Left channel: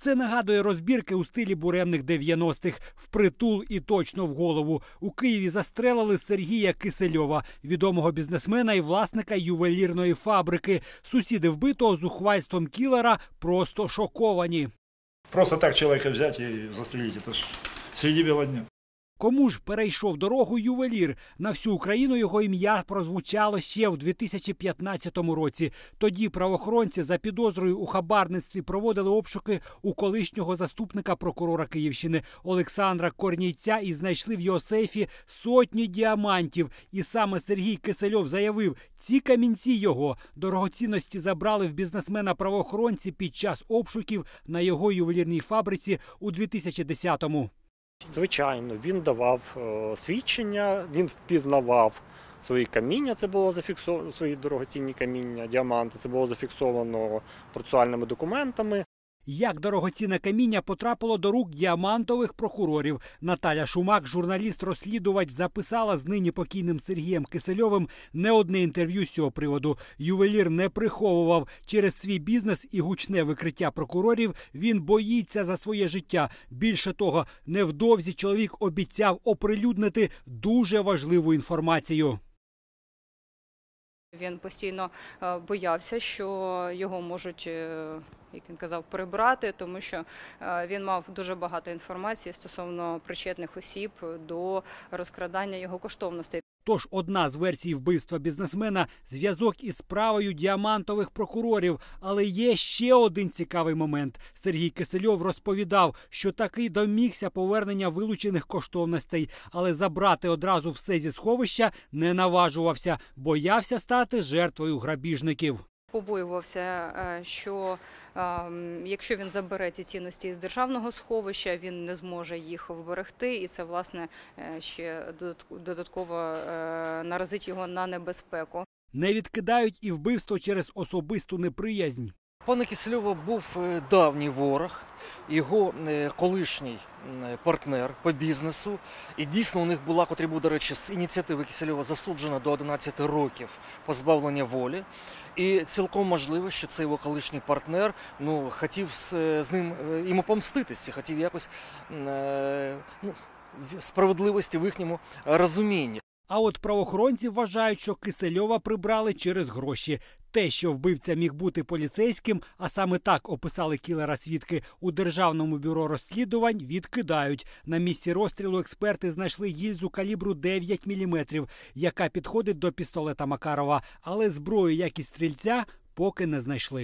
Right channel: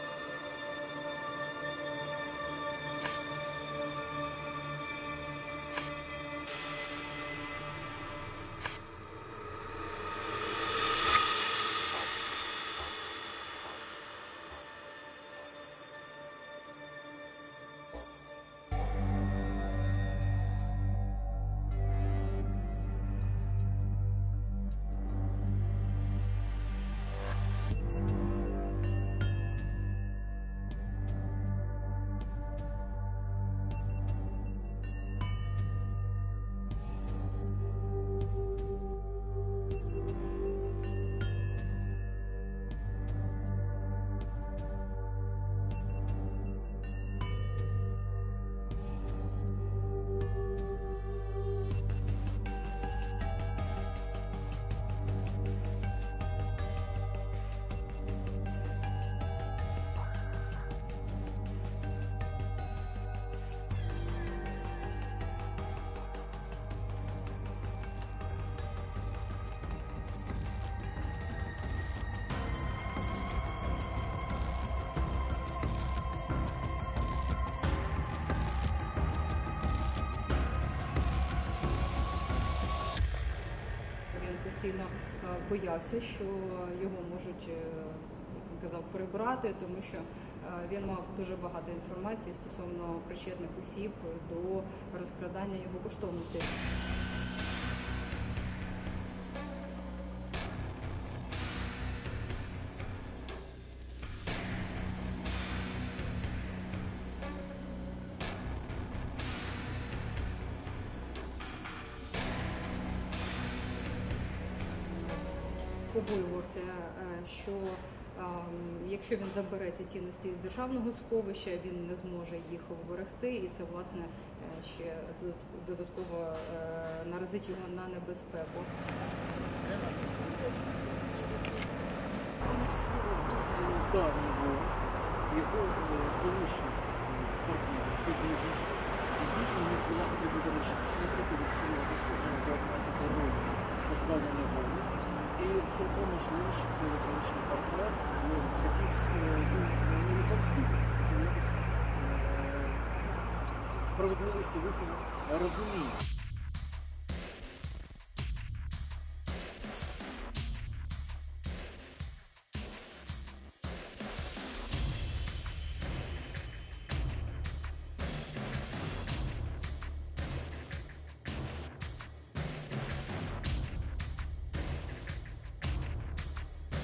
Це нагадує розбірки у стилі буремних 90-х. Впритул і точно в голову. У Києві застрелили Сергія Кисельова, відомого бізнесмена і власника ювелірної фабрики. Сусіди вбитого з ухвальством кілера просто шоковані. Просто так чоловіка взять і застрелить, Це ж среди біла дня. Кому ж перейшов дорогу ювелір? На всю Україну його ім'я прозвучало ще в 2015 році. Тоді правоохоронці за підозрою у хабарництві проводили обшуки у колишнього заступника прокурора Київщини Олександра Корнійця і знайшли в його сейфі сотні діамантів. І саме Сергій Кисельов заявив, ці камінці його дорогоцінності забрали в бізнесмена правоохоронці під час обшуків на його ювелірній фабриці у 2010-му. Звичайно, він давав е, свідчення, він впізнавав свої каміння. Це було зафіксовано свої дорогоцінні каміння, діаманти. Це було зафіксовано процесуальними документами. Як дорогоцінне каміння потрапило до рук діамантових прокурорів. Наталя Шумак, журналіст-розслідувач, записала з нині покійним Сергієм Кисельовим не одне інтерв'ю з цього приводу. Ювелір не приховував через свій бізнес і гучне викриття прокурорів. Він боїться за своє життя. Більше того, невдовзі чоловік обіцяв оприлюднити дуже важливу інформацію. Він постійно е, боявся, що його можуть, е, як він казав, прибрати, тому що е, він мав дуже багато інформації стосовно причетних осіб до розкрадання його коштовностей. Тож одна з версій вбивства бізнесмена зв'язок із справою діамантових прокурорів. Але є ще один цікавий момент. Сергій Кисельов розповідав, що таки домігся повернення вилучених коштовностей, але забрати одразу все зі сховища не наважувався, боявся стати жертвою грабіжників. Побоювався, е, що якщо він забере ці цінності з державного сховища, він не зможе їх вберегти, і це власне е, ще додатково е, наразить його на небезпеку. Не відкидають і вбивство через особисту неприязнь. Пана Кисельова був е, давній ворог, його колишній партнер по бізнесу. І дійсно у них була, котрі був, до речі, з ініціативи Кисельова засуджена до 11 років позбавлення волі. І цілком можливо, що цей його колишній партнер ну, хотів з, з ним е, йому помститися, хотів якось е, ну, справедливості в їхньому розумінні. А от правоохоронці вважають, що Кисельова прибрали через гроші. Те, що вбивця міг бути поліцейським, а саме так описали кілера свідки у державному бюро розслідувань, відкидають. На місці розстрілу експерти знайшли гільзу калібру 9 мм, яка підходить до пістолета Макарова. Але зброю, як і стрільця, поки не знайшли.